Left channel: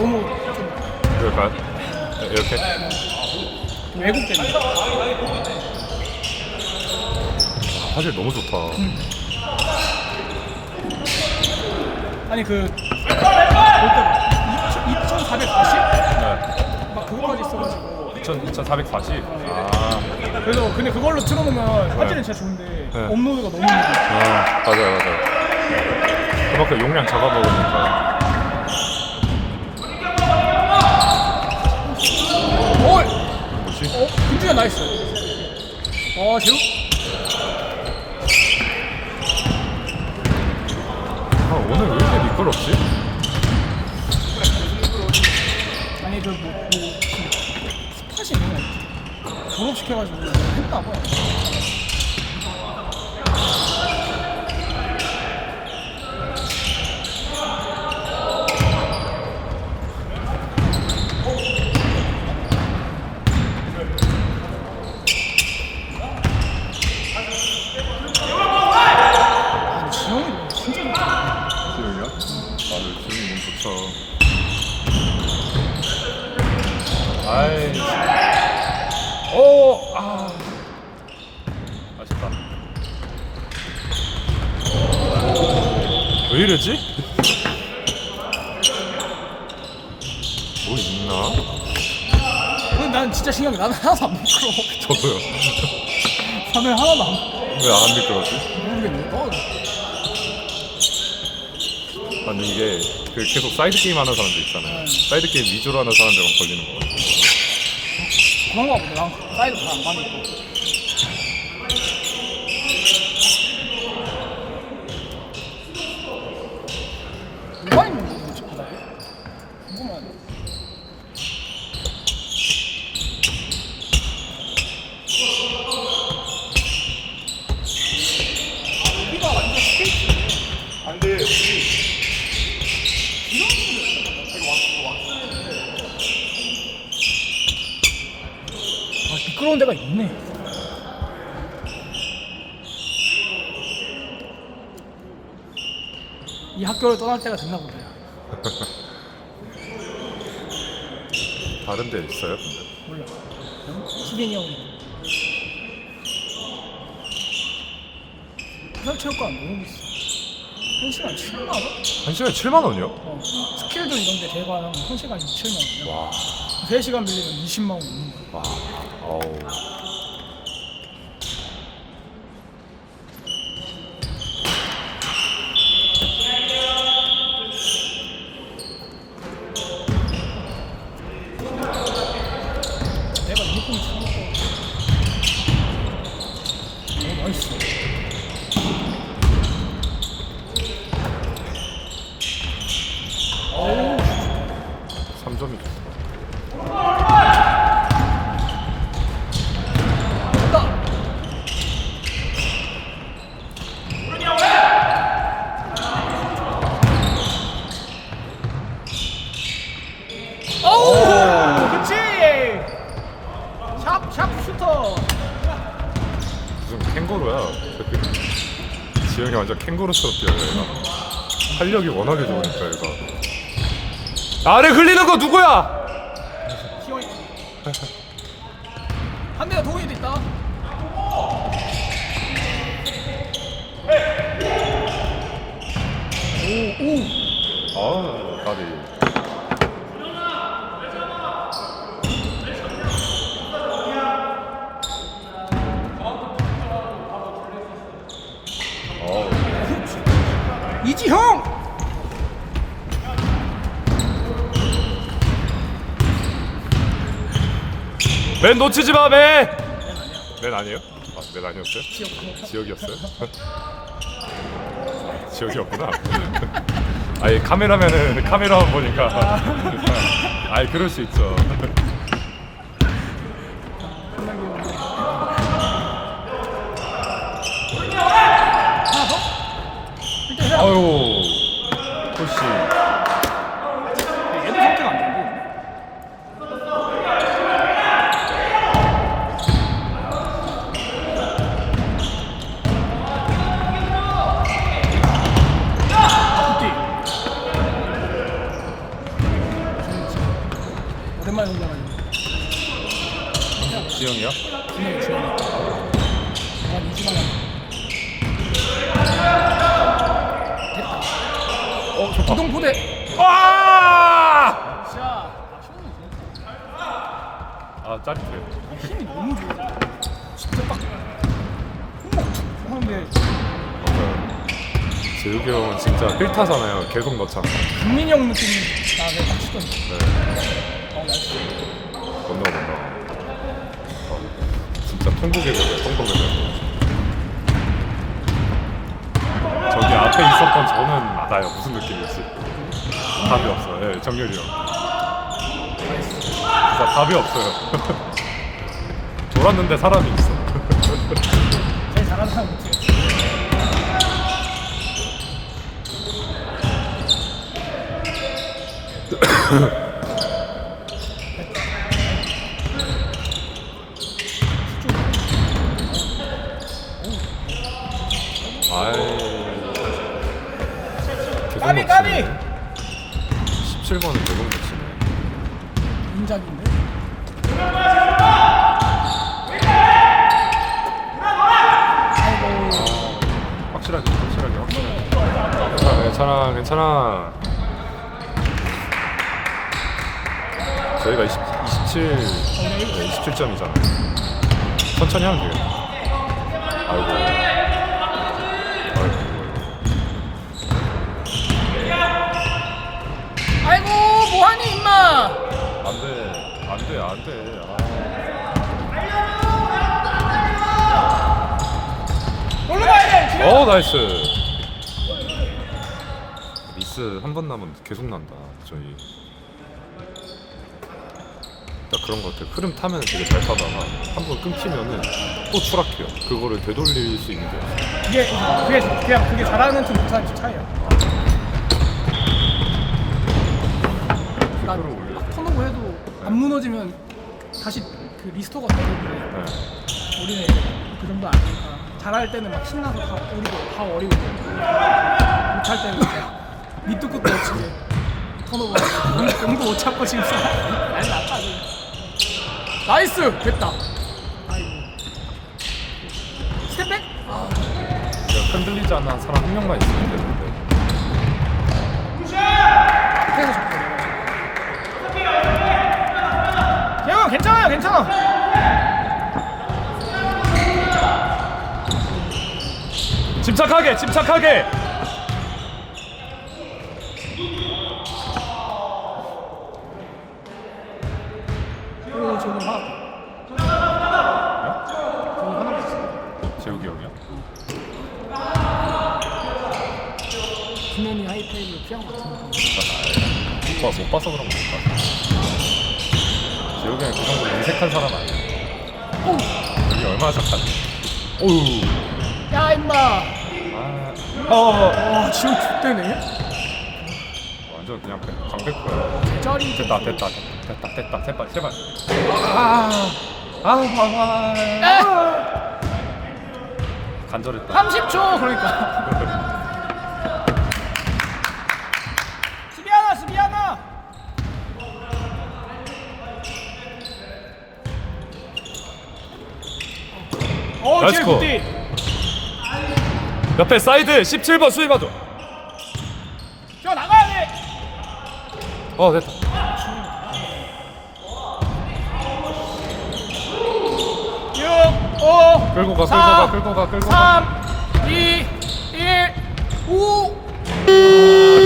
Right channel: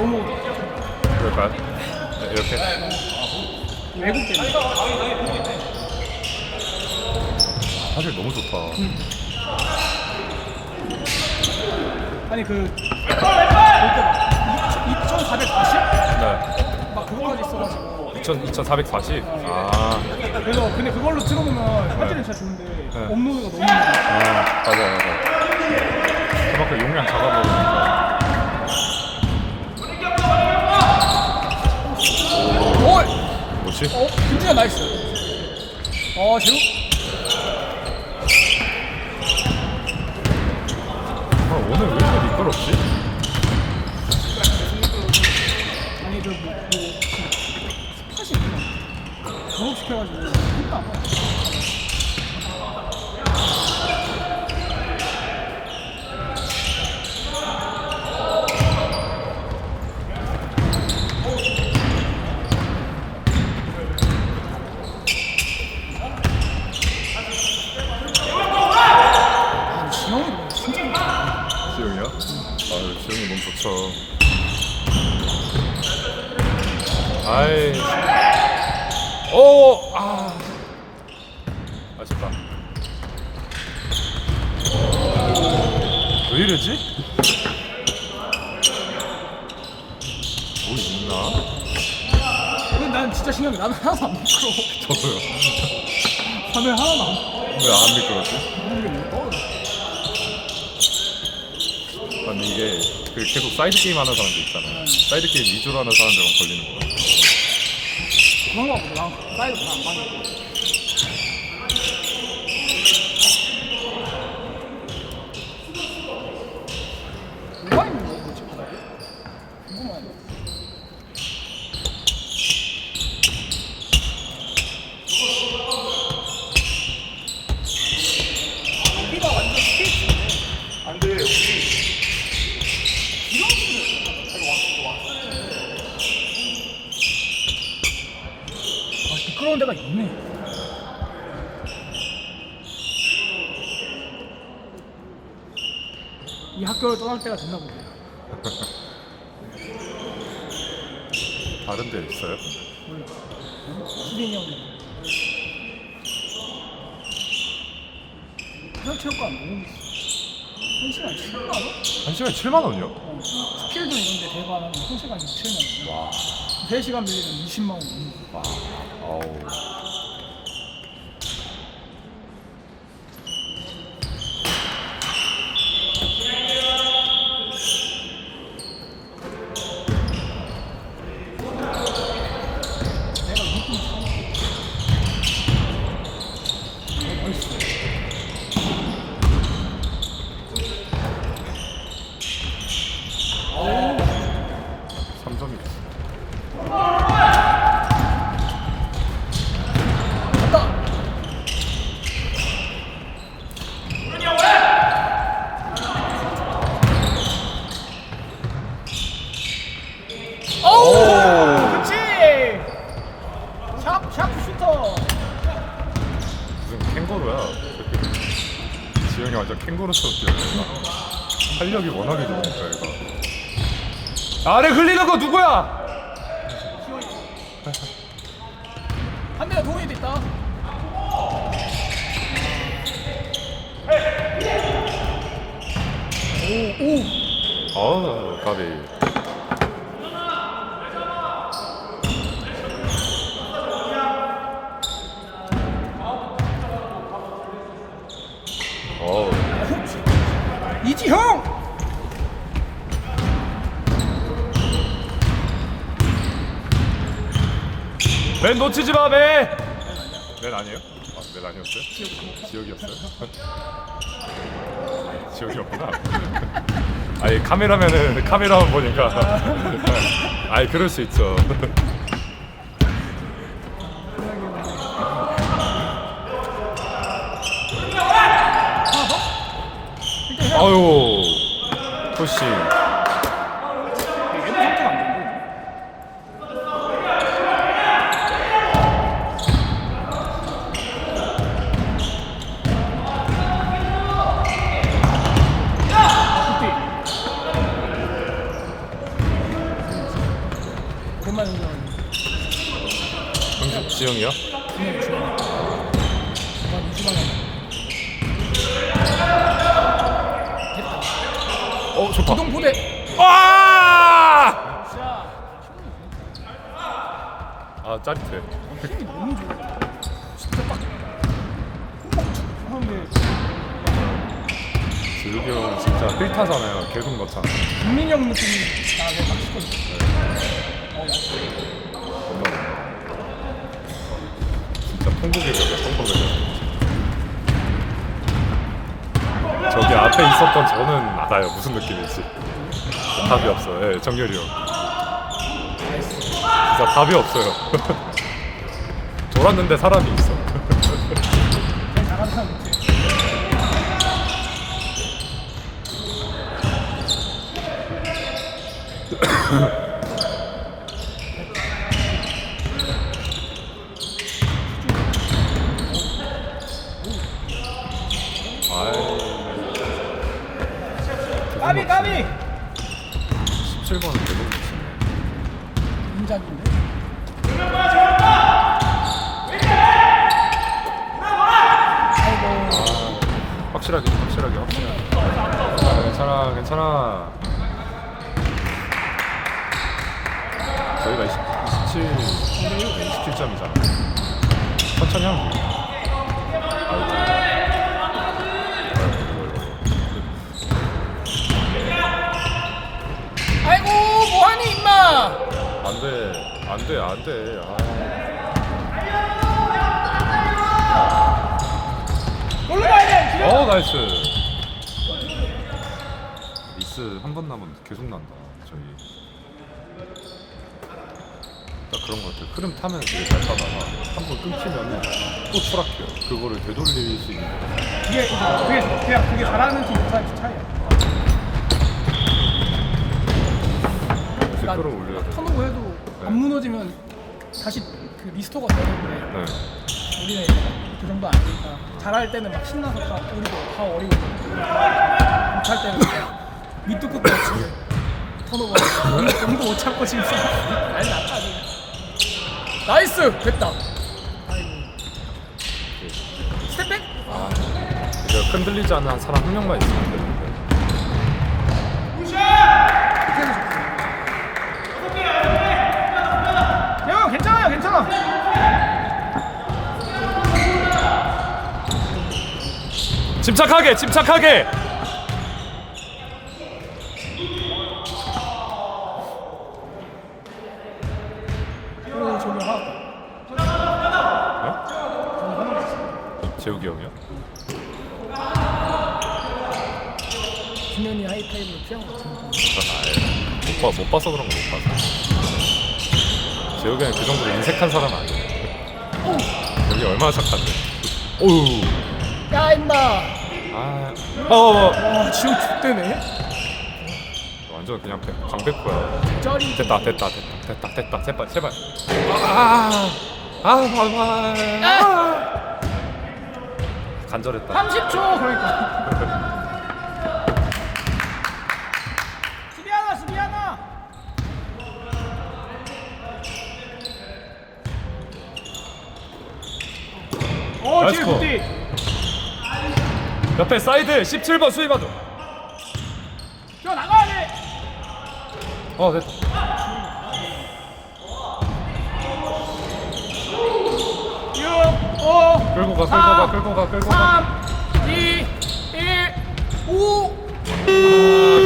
너무 그럴까요? 네, 이렇게? 왜곡되네. 사실 너무 좋다. 아니 그 2,440? 네. 막 그거까지 있어가지고 2,000, 2,440? 아, 그래서 근데 그걸로 틀어놓으면 사진은 진짜 좋은데 네. 업로드가 너무 힘들어. 아 맞아요, 맞아요. 그만큼 용량 잡아먹으니까. 어, 뭐지? 어, 김준현 나이스. 어, 제우. 아, 오늘 왜 이렇게 미끄럽지? 아니 그 뭐, 뭐 스팟이 있네. 졸업시켜가지고 했나 봐. 아니, 지영이 너무 진짜 좋다. 지웅이요? 아, 좋죠. 아이. 오! 아. 아쉽다. 왜 이러지? 뭐 있나? 근데 난 진짜 게 나는 하나도 안 부끄러워. 저도요. 저는 하나도 안 왜 안 미끄럽지? 모르겠네. 어, 아니 이게 그 계속 사이드 게임 하는 사람들 있잖아요. 사이드 게임 위주로 하는 사람들만 걸리는 거 같아요. 그런 거 같구나. 사이드 잘안 가는 뭐가 있는 거야, 도대체 그다음에? 궁금하다. 여기가 완전 스테이지. 아, 미끄러운 데가 있네. 이 학교를 떠날 때가 됐나 보네. 다른 데 있어요? 몰라. 수빈이 형이. 해설체육관 너무 비싸. 한 시간 7만 원? 한 시간에 7만 원이요? 어, 스킬들 이런 데 대관하면 한 시간에 7만 원. 와, 3시간 빌리면 20만 원. 와, 아우. 내가 유니폼 사놓고. 너무 멋있어. 3점이 됐어. 간다! 오! 그치! 샵, 샵 슈터! 무슨 캥거루야. 지영이 완전 캥거루처럼 뛰어요. 활력이 워낙에 좋으니까 얘가. 아래 흘리는 거 누구야? 한 대가 동의도 있다. 오, 오! 어우, 까비. 맨 놓치지 마, 맨! 맨 아니에요? 아, 맨 아니었어요? 지역이었어요? 지역이었구나. 아니, 카메라면은 카메라만 보니까. 아이, 그럴 수 있죠. 아유, 혹시. 얘도 상태가 안 되고. 그때 오랜만에 온 거라니. 지영이요? 준혁이 준혁이. 한 2주 만에. 됐다. 어 좋다 기동 부대. 아! 자, 아 짜릿해 힘이 너무 좋아. 진짜 딱. 그런데 형은 진짜 필타잖아요 계속 넣잖아 국민이 형 느낌이 나네 딱. 어, 넣어 못 넣어 진짜 통곡의 벽이야 통곡의 벽 저기 앞에 있었던 저는 알아요. 무슨 느낌인지? 답이 없어요. 예, 정렬이 형. 진짜 답이 없어요. 돌았는데 사람이 있어 제일 잘하는 사람 같아. 아유 까비 까비. 17번은 계속 넣었네 인작인데. 아이고. 확실하게 확실하게 확실하게 괜찮아 괜찮아 괜찮아 저희가 20, 27 27점이잖아. 천천히 하면 돼요. 아이고 뭐하니 임마. 안 돼 안 돼 안돼. 올라가야 돼. 어 나이스. 미스 한번 남은 계속 난다 저희 딱 그런 것 같아 흐름 타면 되게 잘 타다가 한 번 끊기면은 또 추락해요. 그거를 되돌릴 수 있는 게 없어 그게 그게 그냥 그게 잘하는 팀 못하는 팀 차이야. 그러니까 흐름 올려 막 턴오버 해도 안 무너지면 다시 그 리스토가 되는데 네. 우리는 이제 막그 정도 아니니까. 잘할 때는 막 신나서 다 어리고 다 어리고 못할 때는 그냥 밑도 끝도 없이 턴오버 공도, 못 찾고 지금. 난리 났다 그냥 나이스! 됐다. 스텝백? 아, 이거 흔들리지 않는 사람 한 명만 있으면 되는데. 계속 대형 괜찮아요 괜찮아. 침착하게 침착하게 오 저기 하나 저기 하나 있어 재욱이 형이야? 준현이 하이파이브를 피한 것 같은데. 못 봐서 못 봐서 그런 거못 봐서 재욱이 형이 그 정도로 인색한 사람 아니야? 오우 여기 얼마나 착한데? 오우 야 임마! 아, 어, 와 지금 죽대네? 완전 그냥 그 강백구야. 쩌리. 됐다, 됐다, 됐다, 됐다, 됐다, 제발, 제발. 아, 아, 아, 아, 아! 간절했다. 30초 그러니까 수비 하나 수비 하나 어 나이스 제일 컷. 굿디 옆에 사이드 17번 수입하죠. 뛰어 나가야 돼 어, 됐다. 끌고 가, 끌고 가, 끌고 가, 끌고 가. 2, 1, 5.